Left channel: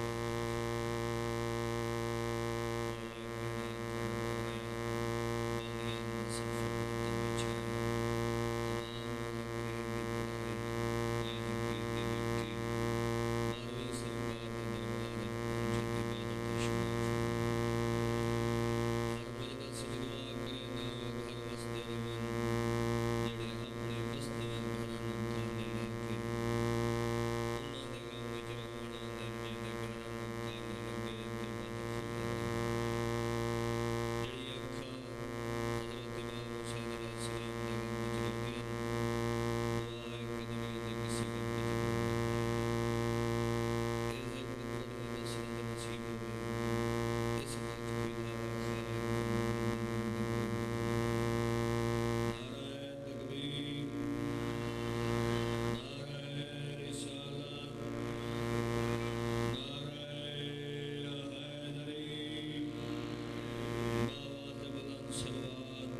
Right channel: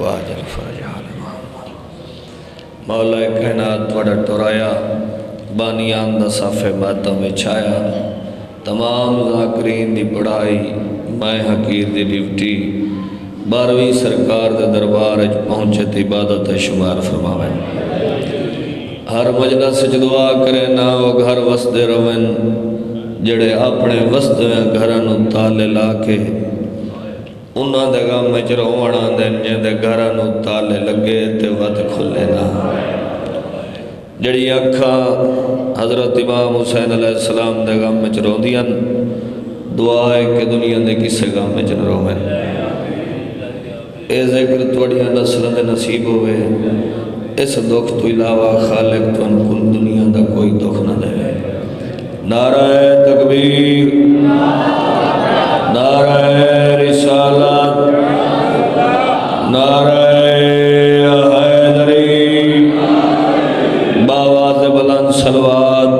واجل fridge حال مولا کائنات وڑا ٹورایا بانیان دا صافِ ماتم میں چھایا تمام ذاکرین دی پڑھائی میں حقیر دی ڈیوٹی 12ویں سرکار دے دربار اچ پہنچت عبادت شمار فرماویں ہر مجلس سے دعا کرے نہ وہ گھر وسدے روین جڑے اپنے وسدے گھرانو تالے لا کے انہاں دے غم وچ روونا دین جے گھرانو تالے لگے تے ود کھلے نہ جڑی اکھاں حضرت امام حسین علیہ السلام دے غم وچ روندیاں دعا ہے کہ دنیا دے کسے غم وچ نہ روویں اے ذکر توڑیاں نسلوں دے نصیب ہوئے اس دکھ تو علاوہ خالق تو انکل دنیا دا کوئی دکھ نہ دے نعرہ تکبیر نعرہ رسالت نعرہ حیدری باواز بلند صلوات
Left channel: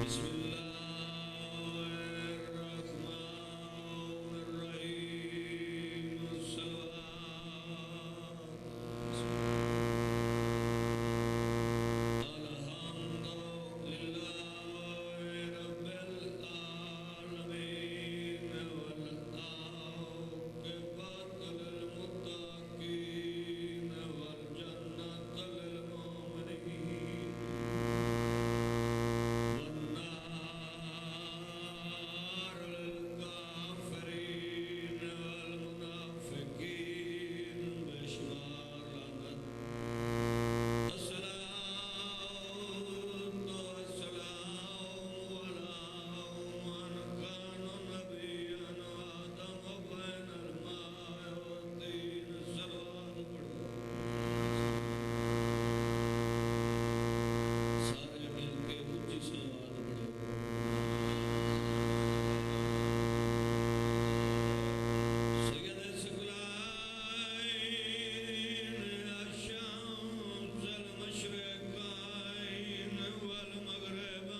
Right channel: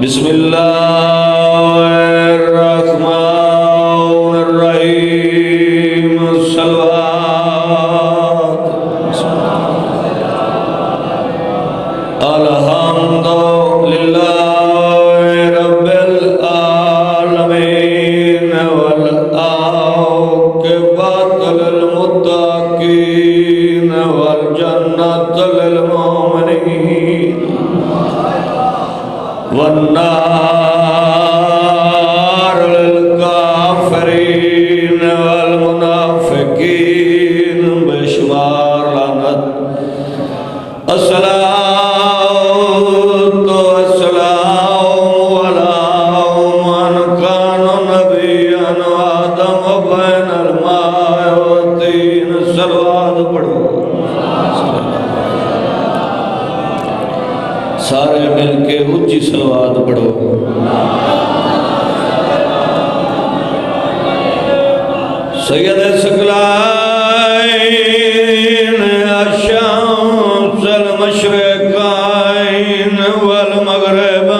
بسم اللہ الرحمن الرحیم صلوات الحمد للہ رب العالمین والعاقبۃ للمتقین والجنۃ للمؤمنین والنار للكافرين والمنافقين بشمار لعنت الصلاة والسلام على من كان نبيا وآدم بين الماء والطين صلوات پڑھو سارے مل کے اونچی صلوات پڑھو سید ثقلین الشمس المشرقین والمغربین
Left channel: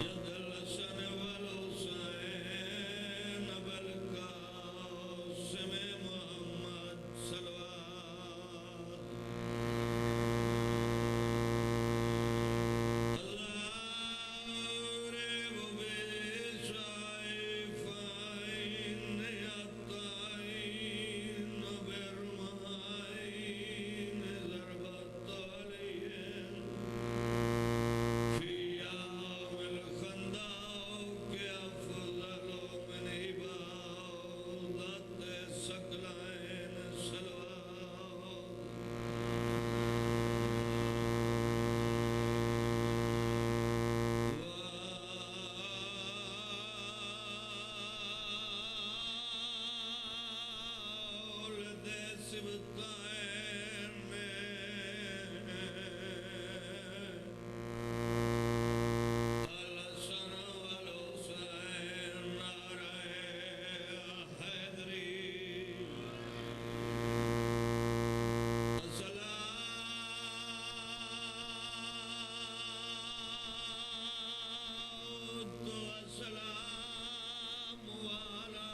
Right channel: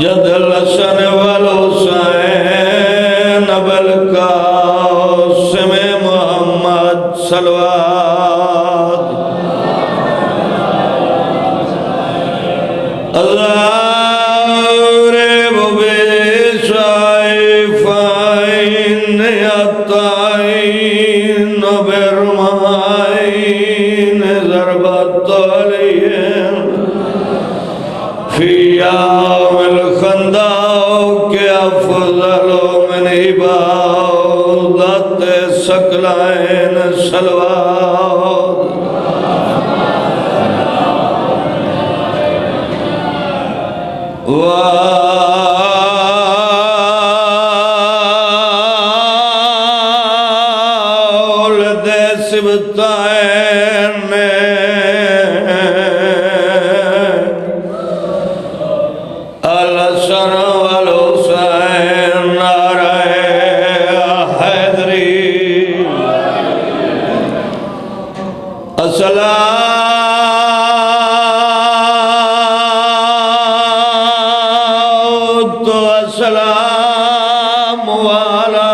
جد الحسن والحسین بالقاسم محمد صلوات الغارب بسائفين يطعين برمائين ضربة عليهم في يوم الخندق أفضل من عبادة ثقلين صلوات وولد سبطين الحسن والحسين نعرہ حیدری السلام السلام على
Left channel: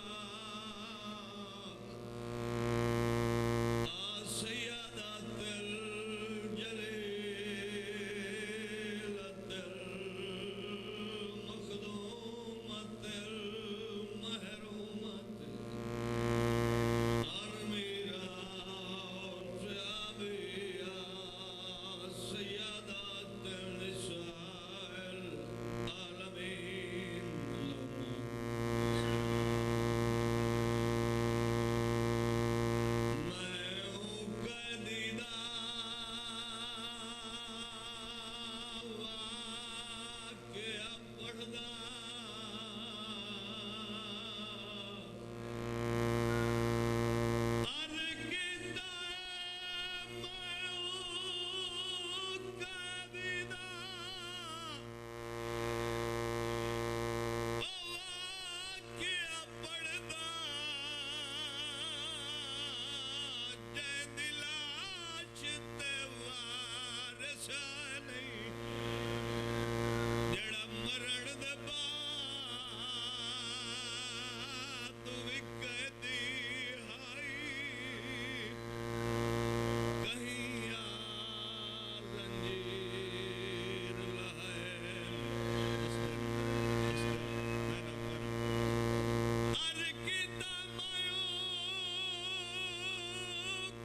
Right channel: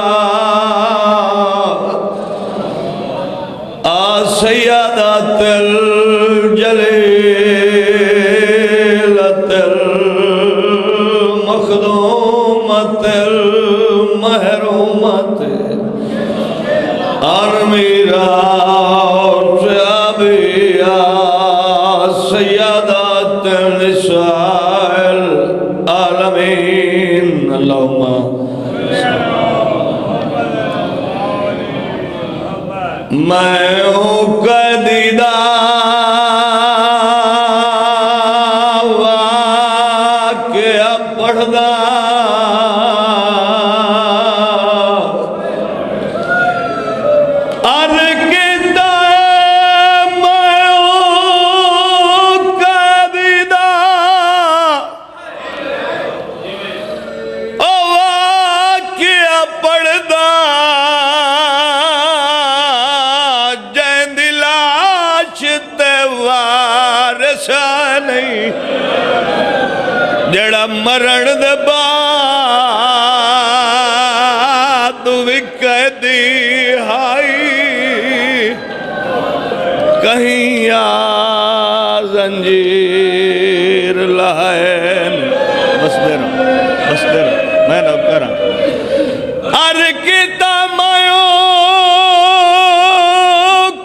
سيادة الجليلة المخدومة المحرومة الميراث أبيها سيادة النساء العالمين اللهم میں ہوں قدیدہ واقعہ پڑھدا نہیں جڑا مرن دے بعد وکے دی ہائی کہیں یا زنجیر لائن بس دے رہا میں نہ کرا ہر کتا مائیو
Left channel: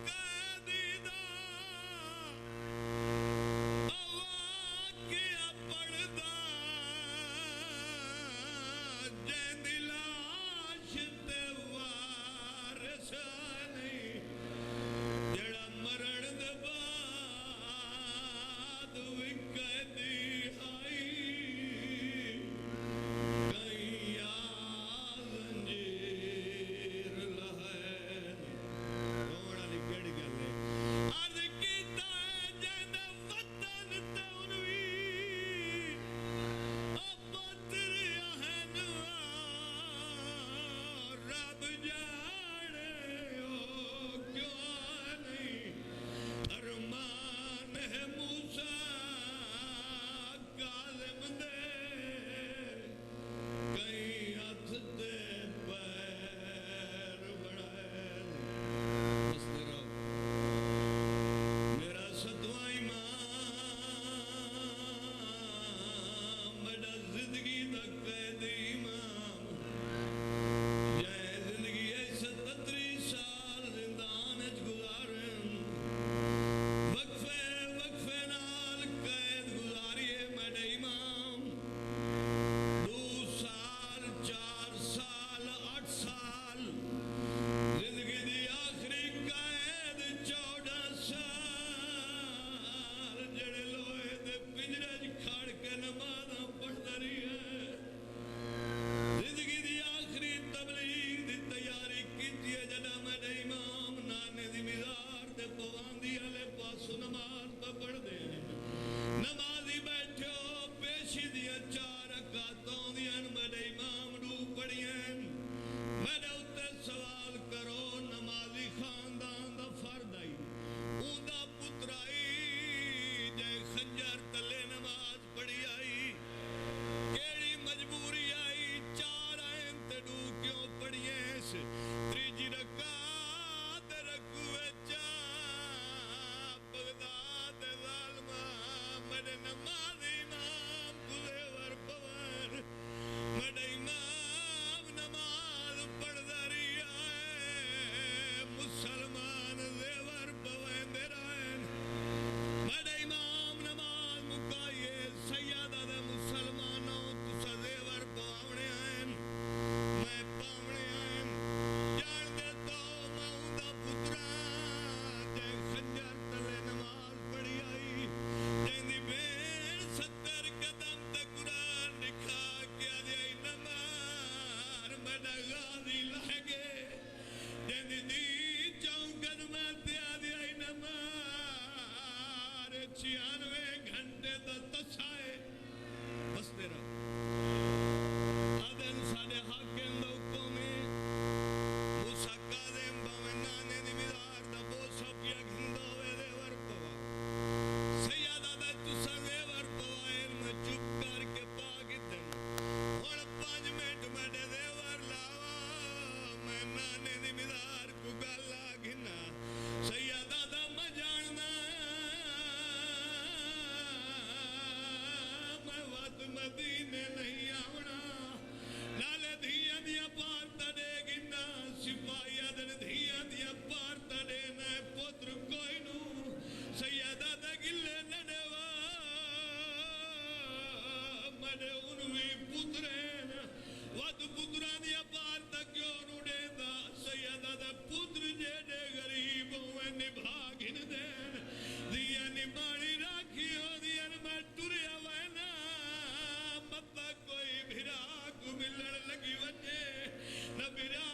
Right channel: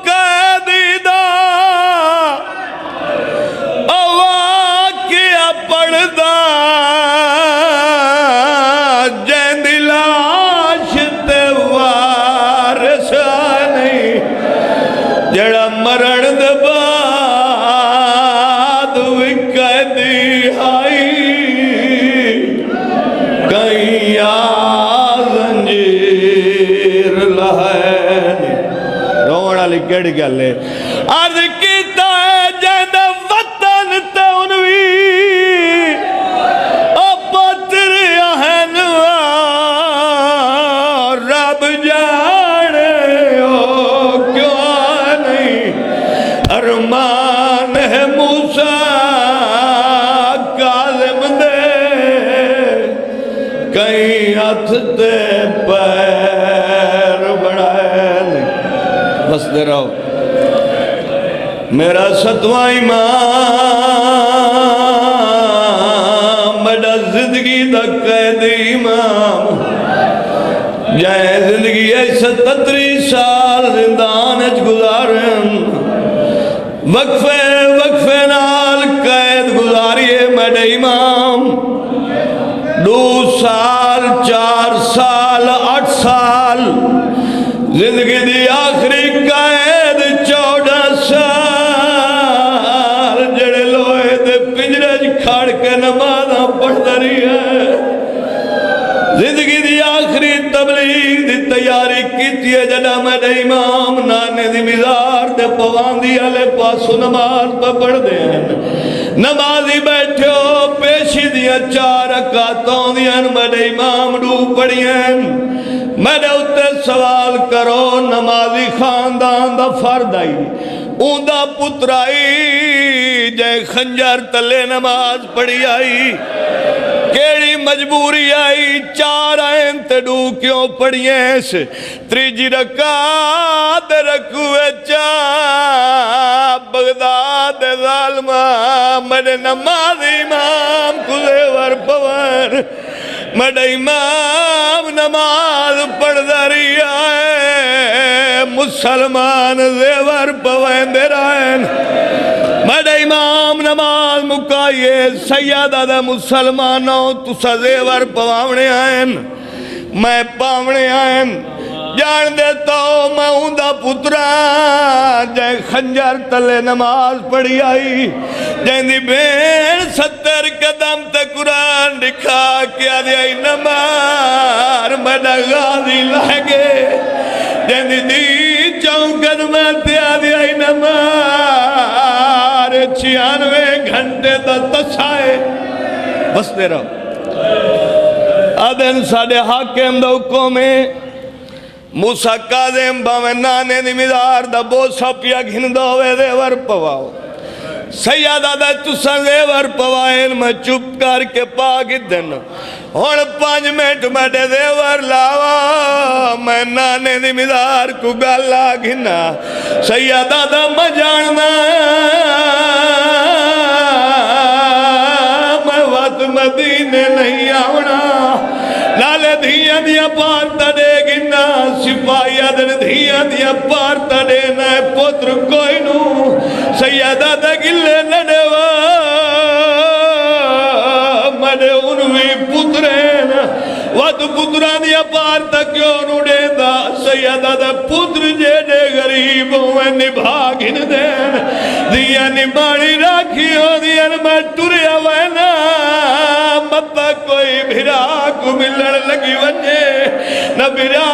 قیدی دا واقعہ پڑھدا جین دی لاش تے وارث نہیں جڑا مرن دے بعد وکے دی ہائی کہیں یا زنجیر لائن رونا لی کیڑی گل ہے عرض کیتا ہے جہد وطن تے انوی او پتر اہنوا رب جانے ہو کیوں نہیں ارمان ہے موسیٰ کاظم دے کہیں ہاتھ تے پیر بڑھائیں بس دے رہو میرا ستواں امام میرا زندگی دا قید امام جائے زندگی ایسا 37 سال زندان اچ گزارن وقفے نال قید گزاریے میرے امام 2 سال 4 سال 8 سال زندگی دی آخری قید 14 سال جڑے لوہے دے پنجرے کھاڑ کے نمازاں پڑھ دری ہے زندگی دی آخری تبلیغ دی تیاری کیتی ہے جڑا میرے امام نانے دی مزار دے پواندی آلے پاسو نماز پہ پڑھ دے ہیں نمازی بیٹھے ہو پیشی دیا 4 رکعتوں دیاں میرے امام ڈو پڑھی ہیں میرے اتے سوال کرو نمازی خاندان دا فرد آئی اوندہ پترائی جائے خنجر تلے نماز پڑھی آئی کیڑی مجبوری آئی 4 آئین تے ڈو کیوں پڑھی ہیں تریجی رکعت رکھوے چا بغداد ظالمہ میرے نماز امام کھلے ور پور میرے امام نماز پڑھ داری آئے مسلمان زیور پوین دے رائن میرے امام نماز مکائیے سیدہ دے مسلمانوں تسا زیور پواونے آئین میں پاونے آئین جان دیتا ہوں میں اوندہ پترا جائے خنجر تلے نماز پڑھی آئی جائیں دی بین 70 قدم تے قرآن دکھا کیا دی آئی نمار میڈا غازی لگے جائیں دی 4 قدمہ تیا دی آئی نمار 96 گھنٹے دا تسائے بس دے رہا آدھن ساڑھے حاکم دا حکومے موسیٰ کاظم باویں نانے دی مزار دا بوسا پیا گھن دوے دے ور پواؤ سیادہ دا تساں دے ور پوائن میں چپ کر کے پاگی دن اور 5 منٹ میں دے ور لاوا میں نانے دی مزار کو گالا گھنا سیادہ دا میں جاننا میں وقت مدینے نہیں آونا لالے دھیاں دیا پارتا دے گنا سپاہی آدھن دھیاں دیا پارتا دے نائے پتر کوئی نو سیادہ دا گلے نڈوا مڈے انوی پترین وقت پتران دیا پارتا کیوں نو دے دا سیادہ دا پتر جے دے غریب ہوئے نبھا گھن دین دیا نبھاڑی راکھی ہو دیا میں ٹوریا وینا مطا کوئی بھرا کو ملن لگی وجے نہ بھرا